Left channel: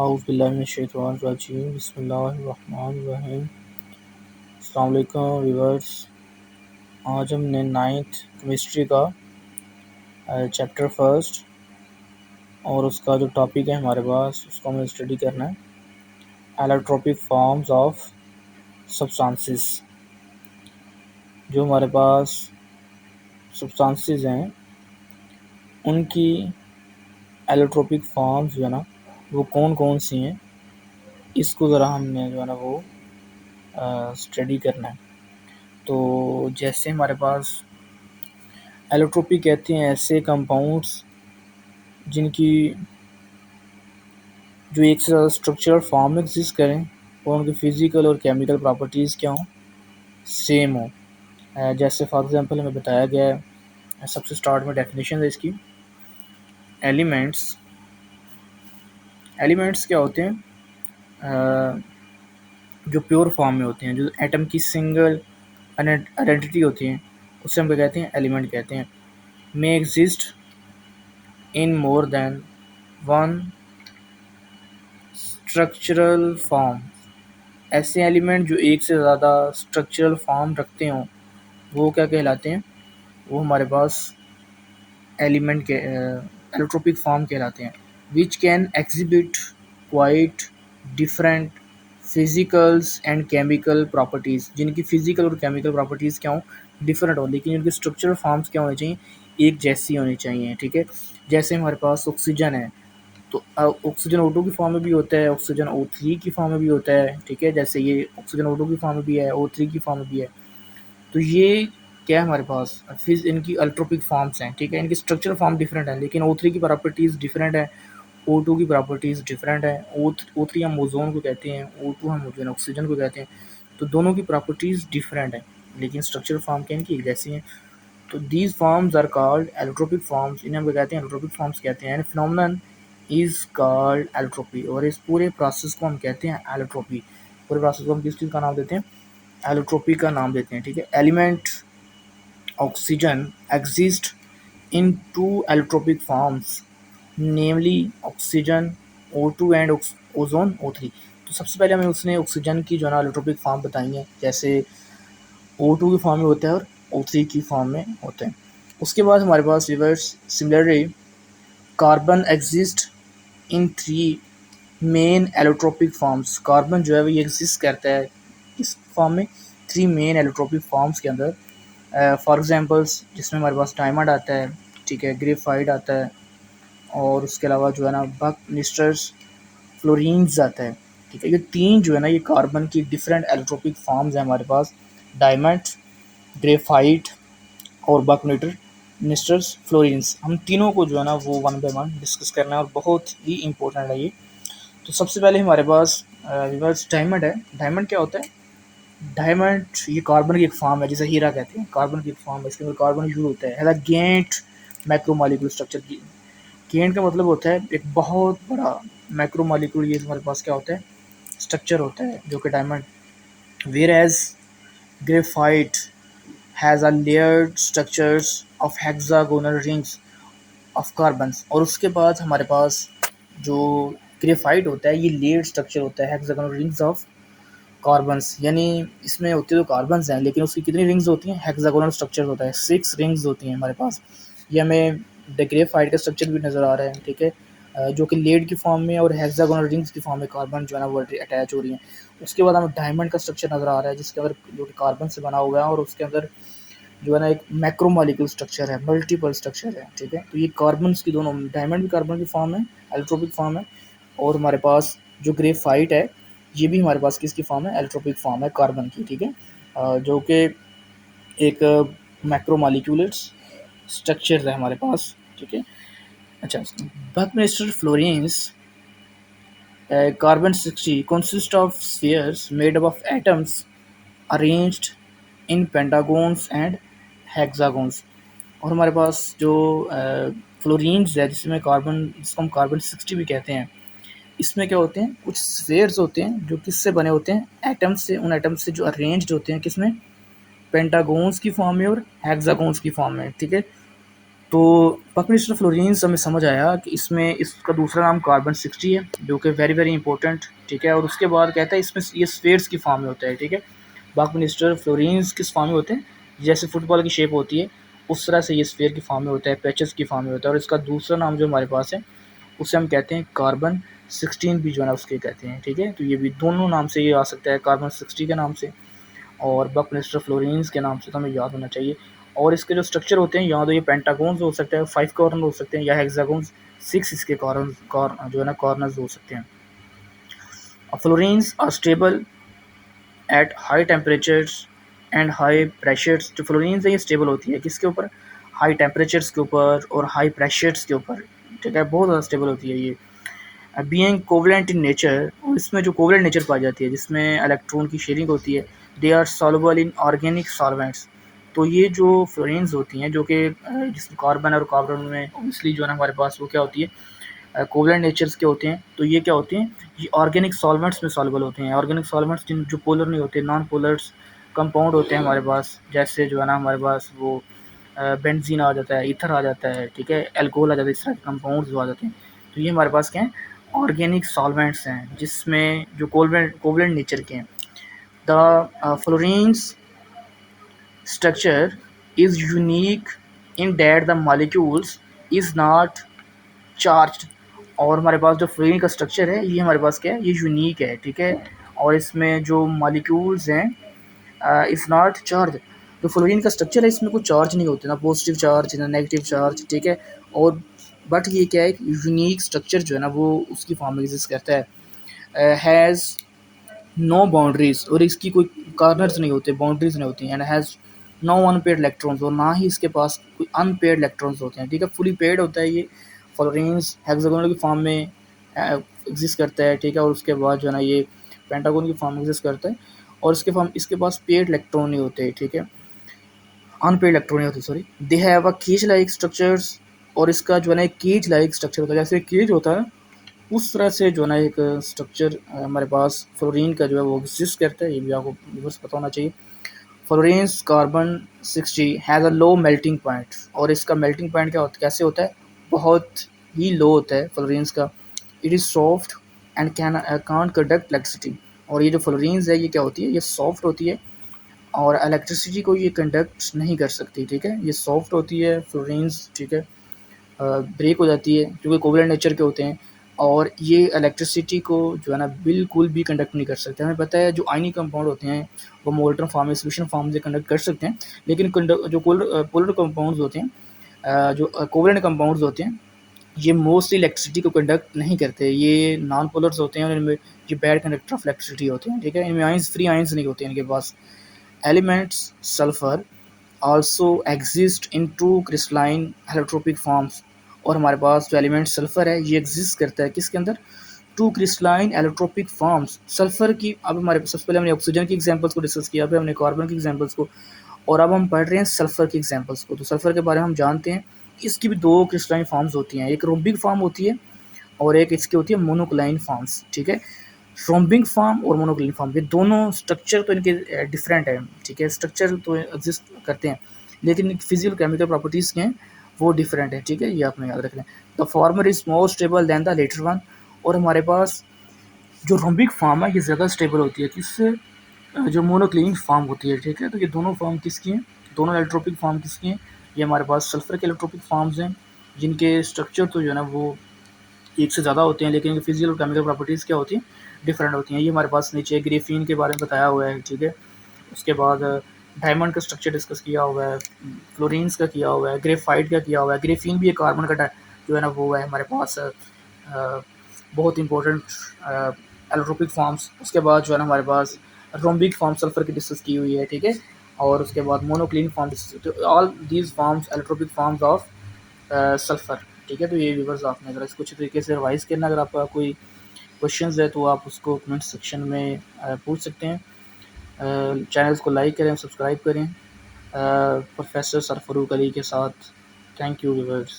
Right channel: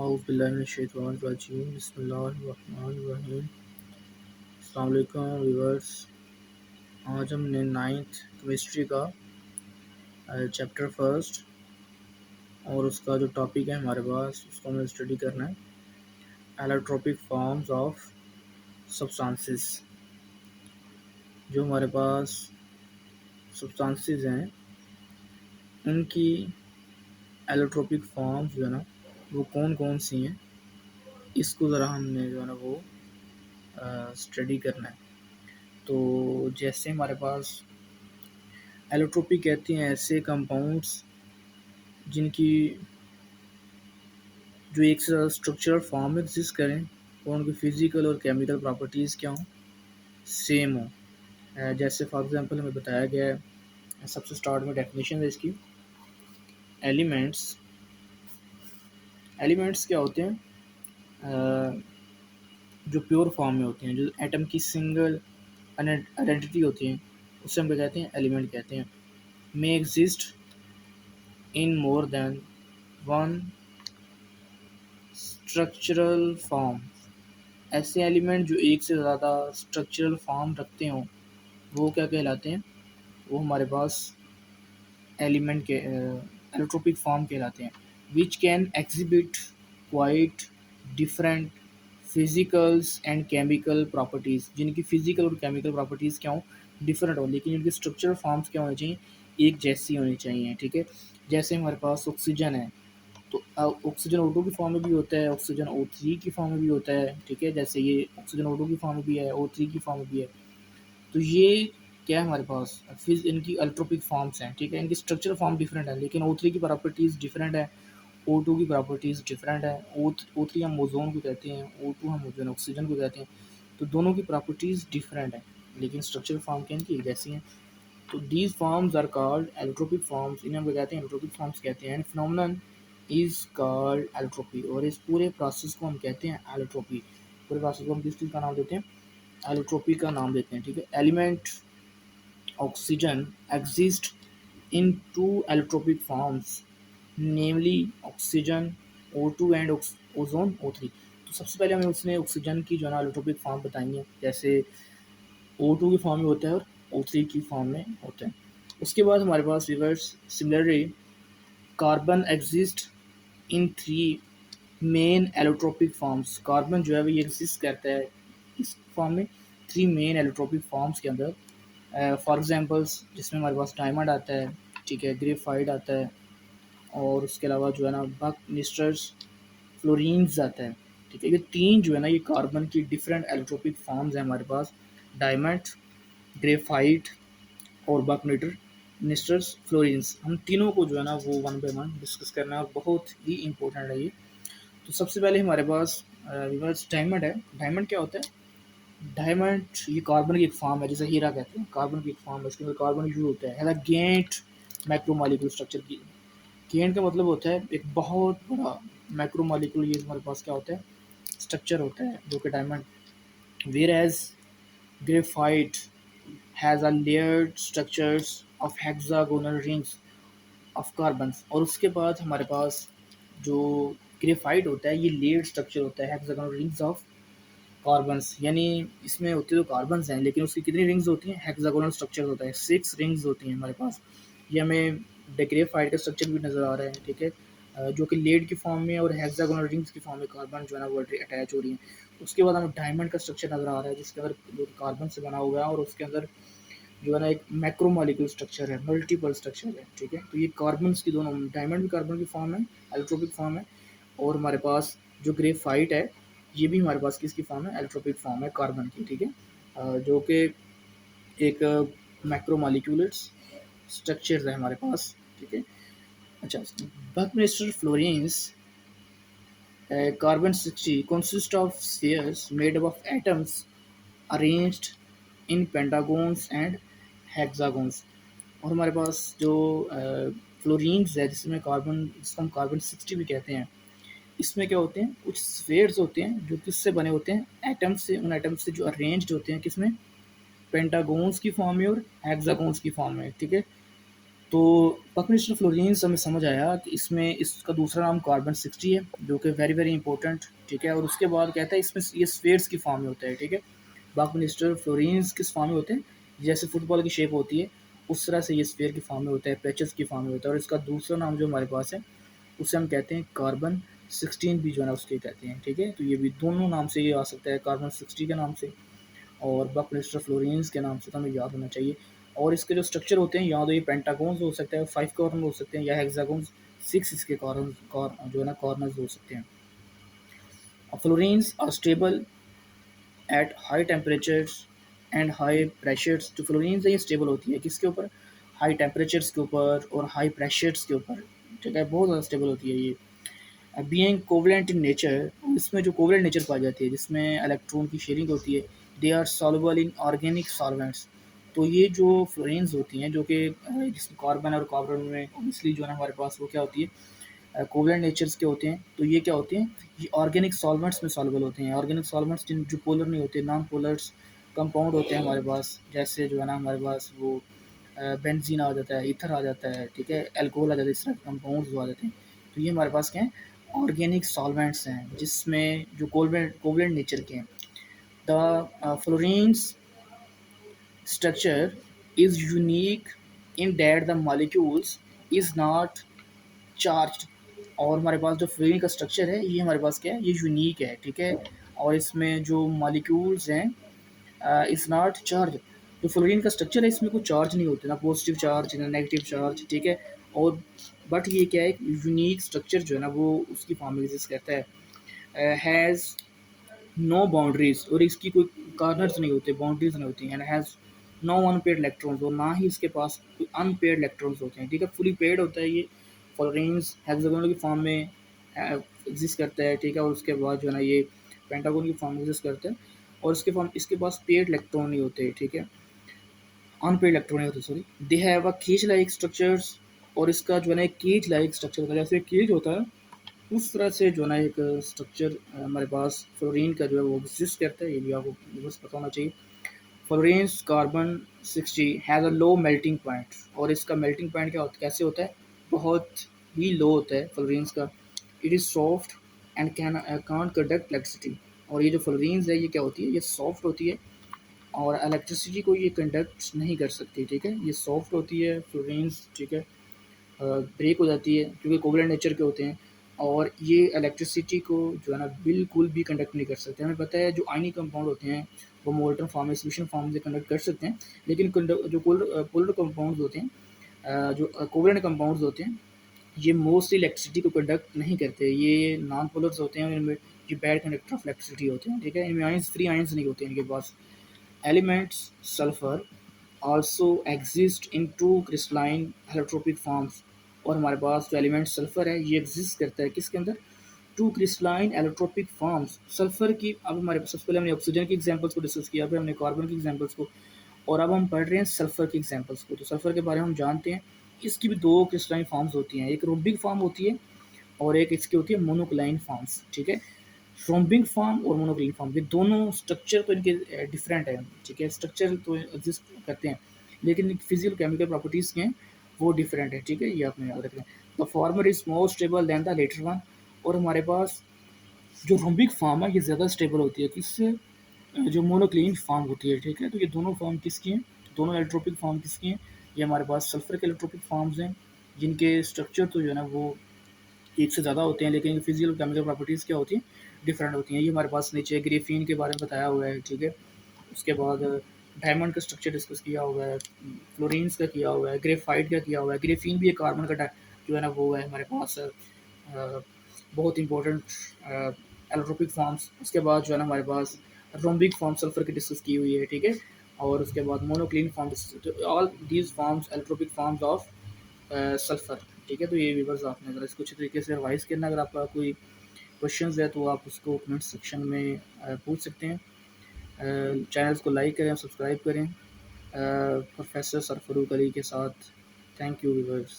औज़ुबिल्लाहिमिनश्शैतानिर्रजीम बिस्मिल्लाहिर्रहमानिर्रहीम। अस्सलाम वालेकुम व्यूअर्स। आज हमने 9th केमिस्ट्री का चैप्टर फर्स्ट और उसका जो टॉपिक है हमारे पास उसको हमें स्टडी करना है, एलोट्रोपिक फॉर्म्स ऑफ सब्सटेंसेस। जो हमारे पास सब्सटेंसेस हैं उनकी एलोट्रोपिक फॉर्म्स जो है ना वो कौन कौन सी हैं, इसको ज़रा हमने जो है ना वो स्टडी करना है। तो जैसे हमारे पास एलोट्रोपी कहते हैं ऐसे कंपाउंड्स जिनकी जो एक से ज़्यादा स्ट्रक्चरल फॉर्म में एग्जिस्ट करें और उनकी फ़िज़िकल और केमिकल प्रॉपर्टीज़ क्या हों, सेम हो। जैसे फॉर एग्जांपल हमें बताया गया है, सबसे स्टार्ट में डेफिनेशन है इसकी। एलिमेंट्स एलिमेंट्स क्या होते हैं, जो प्योर फॉर्म में होते हैं, जो एटम की सिंगल आइडेंटिटी होती है, उससे हम क्या कहते हैं, एलिमेंट कहते हैं। May exist in more than one structural form. ऐसे एलिमेंट जो एक से ज़्यादा स्ट्रक्चरल फॉर्म रखते हों वो क्या कहलाते हैं, वो हमारे पास एलिमेंट के एलोट्रोपिक फॉर्म कहलाते हैं। Which can exhibit quite different physicals and chemical properties, जिनकी फ़िज़िकल और केमिकल प्रॉपर्टीज़ क्या हों, डिफरेंट हो, लेकिन उनकी स्ट्रक्चरल फॉर्म्स क्या होनी चाहिए, एक जैसी होनी चाहिए। ठीक है, जैसे हमारे पास ऑक्सीजन है तो ऑक्सीजन O2 की फॉर्म में भी होता है, ऑक्सीजन O3 की फॉर्म में भी होता है। ठीक है, जैसे ये ऑक्सीजन O2 की फॉर्म में भी है, O3 की फॉर्म में भी है। तो ये क्या है हमारे पास, फिर इनकी अल्ट्रोपिक फॉर्म्स हैं। ठीक है, इनकी स्ट्रक्चरल फॉर्म डिफरेंट है, लेकिन O3 की प्रॉपर्टीज़ डिफरेंट है, O2 की प्रॉपर्टीज़ डिफरेंट है। O3 हम ओजोन को कहते हैं, O2 हम जो है ऑक्सीजन को कहते हैं। तो दोनों की प्रॉपर्टीज़ डिफरेंट है, लेकिन स्ट्रक्चरल फॉर्म क्या इनकी एक जैसी हैं। तो these forms are called allotropic forms, इन्हें हम कहते हैं एलोट्रोपिक फॉर्म्स कहते हैं। फिनोमेनन इज़ कॉल्ड एलोट्रोपी, और इस पूरे प्रोसेस को हम कहते हैं एलोट्रोपी। पूरे प्रोसेस को हम किस चीज़ का नाम देते हैं, एलोट्रोपी का नाम देते हैं। ठीक है, element oxygen exist in two allotropic forms, namely oxygen O2 and ozone O3। तो सबसे पहले हमें उसने ऑक्सीजन की जो है ना एलोट्रोपिक फॉर्म बताई है, जैसे O2 की फॉर्म में होता है और O3 की फॉर्म में होता है। उसके बाद हमारे पास reverse similarly carbon exist in 3 main allotropic forms. Carbon जो है वो ये एग्जिस्ट करता है इस फॉर्म में 3 मेन एलोट्रोपिक फॉर्म्स के अंदर। फॉर एग्जांपल्स जिसमें हमारे पास डायमंड आता है, ठीक है, ग्रेफाइट आता है, और उसके अलावा जो है ना बकनिस्टर्स, फ्लोरीन्स आता है। ठीक है, ये 3 जो है ना ये कार्बन की डिफरेंट एलोट्रोपिक फॉर्म्स हैं हमारे पास, डायमंड, ग्रेफाइट और बकनिस्टर्स, फ्लोरीन्स। हम तीनों को जो है ना वो वन बाय वन डिस्कस करना है और बहुत ही इंपॉर्टेंट है ये। तो सबसे पहले हमारे पास डायमंड है। डायमंड क्या होता है, डायमंड ये कार्बन की एक फॉर्म है, जैसे हीरा कहते हैं, कार्बन की एक फॉर्म है, इसके अंदर कार्बन यूज होता है गेंट मैक्रोमोलिकुलर स्ट्रक्चर की। गेंट का मतलब होता है एक बहुत बड़ा मैक्रोमोलिकुलर, ये हमारे पास क्या होता है, स्ट्रक्चर होता है जो कि diamond. Whereas graphite has a layered structures of hexagonal rings of carbons. और उसके बाद हमारे पास जो ग्रेफाइट होता है ये लेयर्ड स्ट्रक्चर होता है हेक्सागोनल रिंग्स ऑफ कार्बन्स, यानी इसमें होते तो कार्बन्स हैं लेकिन उसकी कितनी रिंग्स होती हैं, हेक्सागोनल स्ट्रक्चर होता है, 6 रिंग्स होती हैं हमारे पास। ये हमें ग्रेफाइट का स्ट्रक्चर भी नज़र आ रहा है। ठीक है, जो कि लेड की फॉर्म में और हेक्सागोनल रिंग्स की फॉर्म में कार्बन जो है ना वो अटैच हो रही हैं। उसके बाद हमें डायमंड का स्ट्रक्चर नज़र आ रहा है जिसके अंदर जो कि कार्बन से बना हुआ है और उसके अंदर जो है ना एक मैक्रोमोलिक्यूल स्ट्रक्चर है, मल्टीपल स्ट्रक्चर है। ठीक है, तो ये कार्बन की दोनों, डायमंड भी कार्बन की फॉर्म है, एलोट्रोपिक फॉर्म है, और हमारे पास जो ग्रेफाइट है ये भी हमारे पास किसकी फॉर्म है, एलोट्रोपिक फॉर्म है कार्बन की। ठीक है, जो कि एक मैक्रोमोलिक्यूलर स्ट्रक्चर है हमारे पास। ठीक है, अच्छा, बकनिस्टर fluorines carbon 60 consist of spheres made up of atoms arranged in pentagons and hexagons। और हमारे पास जो फ्लोरीन्स है जिसमें कार्बन, जिसको हम कार्बन 60 भी कहते हैं, इसमें क्या होते हैं, कुछ स्फेयर्स होते हैं जो किससे बने होते हैं, एटम्स से। उन एटम्स से जो अरेंज्ड होते हैं किसमें, पेंटागोन्स की फॉर्म में और हेक्सागोन्स की फॉर्म में। ठीक है, तो बकमिस्टर फ्लोरीन्स हमें समझ आया कि इसमें इसका दूसरा नाम कार्बन 60 है, जो कि वेरी वेरी इंपॉर्टेंट, ठीक है। और उसके बाद कहता है इसमें ये स्फीयर्स की फॉर्म में होता है, ठीक है। बकमिस्टर फ्लोरीन्स किस फॉर्म में होते हैं, जैसे फुटबॉल की शेप होती है उस तरह से ये स्फीयर की फॉर्म में होता है, पैचेस की फॉर्म में होता है। और इसका दूसरा नाम जो हमारे पास है उसे हम कहते हैं कार्बन 16 भी जो है ना उसके कहते हैं, ठीक है। तो ये भी दोनों नाम से ये आ सकता है, कार्बन 60 के नाम से और बकमिस्टर फ्लोरीन्स के नाम से, तो हमें याद होना चाहिए। और इसके जो स्ट्रक्चर होते हैं या तो ये पेंटागोन्स हो सकते हैं, 5 कॉर्नर हो सकते हैं, या हेक्सागोन्स 6 इसके जो है ना कॉर्नर्स हो सकते हैं। Fullerenes are stable at high temperatures and high pressures. जो फ्लोरीन्स है ये स्टेबल होती है किसके ऊपर, हाई टेम्परेचर्स के ऊपर और हाई प्रेशर्स के ऊपर, ठीक है। बहुत ज़्यादा स्टेबल होती है ये। बीइंग कोवलेंट इन नेचर, और इसमें जो कोवलेंट नेचर पाई जाती है जिसमें इलेक्ट्रॉन की शेयरिंग होती है, they are soluble in organic solvents. तो ये जो फ्लोरीन्स होती हैं जो कि जिसमें कार्बन और कार्बन में ऑब्वियसली जो है ना हमारे पास वो क्या होती है, कोवलेंट नेचर्स के होते हैं। तो ये क्या होते हैं, ये ऑर्गेनिक सॉल्वेंट्स में सॉल्युबल होते हैं। ऑर्गेनिक सॉल्वेंट्स जिन जो पोलर नहीं होते, नॉन पोलर्स कंपाउंड होते हैं हमारे पास, जैसे जो है ना हमारे पास वो बेंजीन आ जाता है, ईथर आ जाता है, ठीक है, एल्कोहल आ जाता है, इस तरह के कंपाउंड्स आ जाते हैं। तो ये हमारे पास क्या है, ऑर्गेनिक सॉल्वेंट्स हैं जिसमें जो कोवलेंट नेचर के हैं। The fluorines structure is unique in that the molecules is not charged। और हमारे पास जो फ्लोरीन का स्ट्रक्चर है ये हमारे पास क्या है, ये यूनिक है, ठीक है। और इसमें जो मॉलिक्यूल्स हैं इज़ नॉट चार्ज। जो फ्लोरीन का स्ट्रक्चर है इसमें कोई चार्ज नहीं होते, ना पॉजिटिव चार्ज ना नेगेटिव चार्ज, ठीक है। और बट ये क्या है, यूनिक स्ट्रक्चर जो है ना वो उसकी फॉर्म में एग्जिस्ट करता है। हैज़ नो बाउंड्रीज, और इसकी कोई कार्नर्स नहीं होते, बाउंड्रीज नहीं होती, and has no unpaired electrons, और ना ही इसके पास कोई अनपेड इलेक्ट्रॉन्स होते हैं, ठीक है। फुली पेड होता है ये। फ्लोरीन्स हेक्सागोनल की फॉर्म में एग्जिस्ट करता है, ठीक है। और उसके बाद जो है ना ये पेंटागोन की फॉर्म में एग्जिस्ट करता है, और इसके पास पेड इलेक्ट्रॉन नहीं होते, ठीक है, अनपेड इलेक्ट्रॉन नहीं होते, sorry. They have a cage like structures, और इसका जो है ना एक केज लाइक स्ट्रक्चर होता है, जैसे केज होता है उस तरह से जो है ना एक स्ट्रक्चर हमारे पास फ्लोरीन का जो है वो एग्जिस्ट करता है। ये भी आपको बस पता होना चाहिए। Fluorines carbon 60 has a low melting point, और इसका मेल्टिंग पॉइंट क्या होता है, कैसे होता है, बहुत ही लो होता है फ्लोरीन्स का। It is soft and can't conduct electricity. और ये जो फ्लोरीन्स है ये क्या होती है, ये सॉफ्ट होती है और इलेक्ट्रिसिटी को ये कंडक्ट नहीं कर सकती, ठीक है। ये सॉफ्ट होती है फ्लोरीन्स, ठीक है, ब्रेक हो जाती है क्योंकि कोवलेंट नेचर के होते हैं। और ये इलेक्ट्रिसिटी को जो है ना बिल्कुल भी कंडक्ट नहीं कर सकते। हमें पता है जो आयनिक कंपाउंड होते हैं वो मोल्टन फॉर्म में, सोल्यूशन फॉर्म से कंडक्ट कर सकते हैं, लेकिन जो पोलर कंपाउंड्स होते हैं, जो कोवलेंट कंपाउंड्स होते हैं, ये मोस्टली इलेक्ट्रिसिटी को कंडक्ट नहीं करते। ये नॉन पोलर्स होते हैं और इनमें ये बैड कंडक्टर ऑफ इलेक्ट्रिसिटी होते हैं, ठीक है। इनमें आइंस फ्री आइंस नहीं होते इनके पास। Elements sulphur also exist in two crystalline allotropic forms। और हमारे पास जो एलिमेंट सल्फर है ये एग्जिस्ट करता है किसके अंदर, two crystalline allotropic forms. Sulphur की, अब हमारे सबसे पहले हमने ऑक्सीजन की एग्जांपल्स को डिस्कस किया, फिर हमने कार्बन की एग्जांपल्स को, और अब हम पढ़ रहे हैं सल्फर की एग्जांपल्स को। तो सल्फर के बारे में हम जानते हैं, इसकी भी दो क्रिस्टलाइन फॉर्म्स होती हैं, एक रोम्बिक फॉर्म होती है और एक इसकी होती है मोनोक्लाइन फॉर्म्स, ठीक है। रोम्बिक फॉर्म और मोनोक्लाइन फॉर्म ये दोनों स्ट्रक्चर तो इनके डिफरेंट है, ठीक है, स्ट्रक्चर तो एग्जिस्ट करते हैं लेकिन फिजिकल केमिकल प्रॉपर्टीज़ के हैं वो डिफरेंट है, ठीक है। ये आपने याद रखना है। The former is more stable than the latter one. और हमारे पास जो रोम्बिक फॉर्म है ये ज़्यादा स्टेबल होती है किससे, जो मोनोक्लाइन फॉर्म होती है, ठीक है। तो ये दोनों फॉर्म किसकी हैं, दोनों एलोट्रोपिक फॉर्म किसकी हैं, ये हमारे पास सल्फर के एलोट्रोपिक फॉर्म्स हैं जिनके स्ट्रक्चर तो जो है ना वो एक से ज़्यादा होते हैं लेकिन फिजिकल और केमिकल प्रॉपर्टीज़ क्या होती हैं, डिफरेंट होती हैं। ये हमारे पास नीचे ग्रेफीन के बारे में बताया हुआ है, ठीक है। उसके बाद डायमंड का स्ट्रक्चर डिस्कस किया हुआ है, फ्लोरीन्स का किया हुआ है, ग्रेफाइट का किया हुआ है, ग्रेफीन भी एक कार्बन का जो है ना वो है हमारे पास बहुत इंपॉर्टेंट एलोट्रोपिक फॉर्म्स। उसके बाद जो है ना हमारे पास रोम्बिक फॉर्म सल्फर की डिस्कस की हुई है, ठीक है। और उसके बाद मोनोक्लिन फॉर्म, तो all these forms allotropic forms of sulphur, ठीक है। तो ये व्यूवर्स आपने अगर इसको अच्छी तरीके से रिवाइज करना, अगर आपका कोई क्वेश्चंस है तो आप उसको कमेंट सेक्शन में पूछ सकते हैं। चैनल्स को लाइक करें, सब्सक्राइब करें प्रोफेसर सरफरूक अली के साथ। Thank you viewers.